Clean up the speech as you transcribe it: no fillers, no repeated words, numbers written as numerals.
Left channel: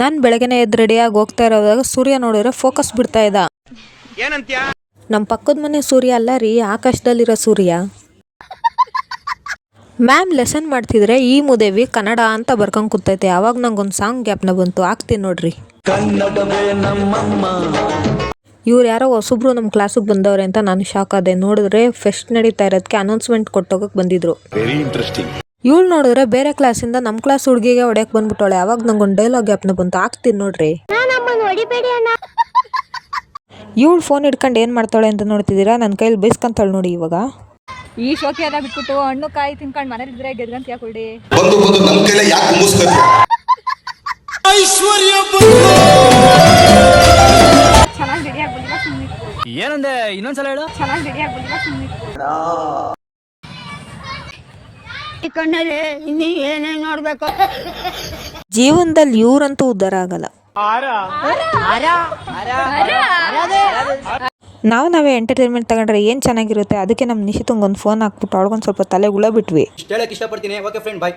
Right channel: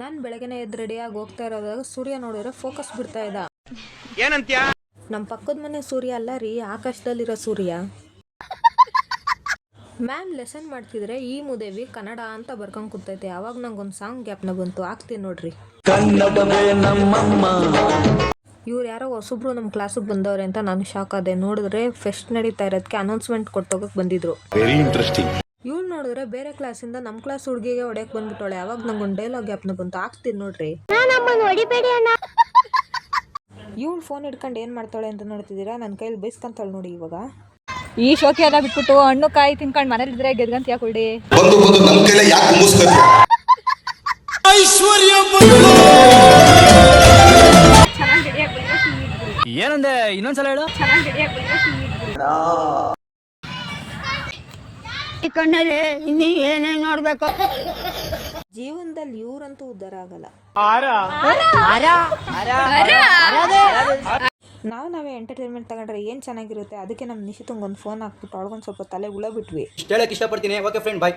ನಾನು ಬೆಳಗ್ಗೆನೇ ಎದ್ದು ರೆಡಿಯಾಗಿ ಹೋಗ್ತಾ ಇರೋದಾಗ ಸೂರ್ಯ ನೋಡಿದ್ರೆ ಫೋಕಸ್ ಬಿಡ್ತಾ ಇದ್ದ. ಏನಂತ್ಯ? ನಮ್ಮ ಪಕ್ಕದ ಮನೆ ಸೂರ್ಯ ಅಲ್ಲ ರೀ, ಆಕಾಶದಲ್ಲಿರೋ ಸೂರ್ಯ. ಮ್ಯಾಮ್ ಲೆಸನ್ ಮಾಡ್ತಿದ್ರೆ ಈ ಮುದೇವಿ ಕನ್ನಡ ಅಂತ ಬರ್ಕೊಂಡು ಕೂತೈತೆ. ಆವಾಗ ನಂಗೊಂದು ಸಾಂಗ್ ಗ್ಯಾಪ್ನ ಬಂತು, ಹಾಕ್ತೀನಿ ನೋಡ್ರಿ. ಇವ್ರು ಯಾರೋ ಹೊಸಬ್ರು ನಮ್ಮ ಕ್ಲಾಸಿಗೆ ಬಂದವ್ರೆ ಅಂತ ನಾನು ಶಾಕ್ ಆದೆ. ನೋಡಿದ್ರೆ ಫೆಸ್ಟ್ ನಡೀತಾ ಇರೋದಕ್ಕೆ ಅನೌನ್ಸ್ಮೆಂಟ್ ಕೊಟ್ಟೋಗಕ್ಕೆ ಬಂದಿದ್ರು. Very interesting. ಇವಳು ನೋಡಿದ್ರೆ ಬೇರೆ ಕ್ಲಾಸಿಂದ ನಮ್ಮ ಕ್ಲಾಸ್ ಹುಡುಗಿಗೆ ಹೊಡೆಯಕ್ಕೆ ಬಂದ್ಬಿಟ್ಟವಳೆ. ಅವಾಗ ನಂಗೊಂದು ಡೈಲಾಗ್ ಗ್ಯಾಪ್ನ ಬಂತು, ಹಾಕ್ತೀನಿ ನೋಡ್ರಿ. ಇವಳು ಫೋನ್ ಹಿಡ್ಕೊಂಡು ಏನು ಮಾಡ್ತಾಳೆ ಅಂತ ನೋಡ್ತಿದ್ದೀರಾ? ನನ್ನ ಕೈಲಿ ಬೈಸ್ಕೊಂತಾಳೆ ನೋಡಿ. ಇವಾಗ ಈ ಶೋಕಿ ಎಲ್ಲ ಬಿಟ್ಬಿಟ್ಟು ಹಣ್ಣು ಕಾಯಿ ತಿನ್ಕೊಂಡು ಮನೇಲಿದ್ರೆ ಗೆದ್ಗಂತ ಯಾಕೊಳ್ಳಿ. ಏನಂದೆ ಇನ್ನೊಂದ್ಸಲ ಹೇಳು. ನೋಡ್ಬೇಕು ಜೀವನದಲ್ಲಿ ಇವ್ರಂತೂ ಉದ್ಧಾರ ಆಗಲ್ಲ. ನಾವೇ ಎಂಟರ್ಟೈನ್ಮೆಂಟ್ ತಗೊಂಡ್ರೆ ಏನು ಚೆನ್ನಾಗಿರುತ್ತೆ. ಅದಕ್ಕೆ ನಮ್ಮ ನಿಶಿತಂಗೊಂದು ಫೋನ್ ಹಾಕ್ಬಿಟ್ಟು ಅವಳಿಗೊಂದು ಸ್ವಲ್ಪ ತಲೆ ಉಳ ಬಿಟ್ವಿ. ಹೇಳಕ್ ಇಷ್ಟಪಡ್ತೀನಿ. ಓಕೆ ಫ್ರೆಂಡ್, ಬಾಯ್.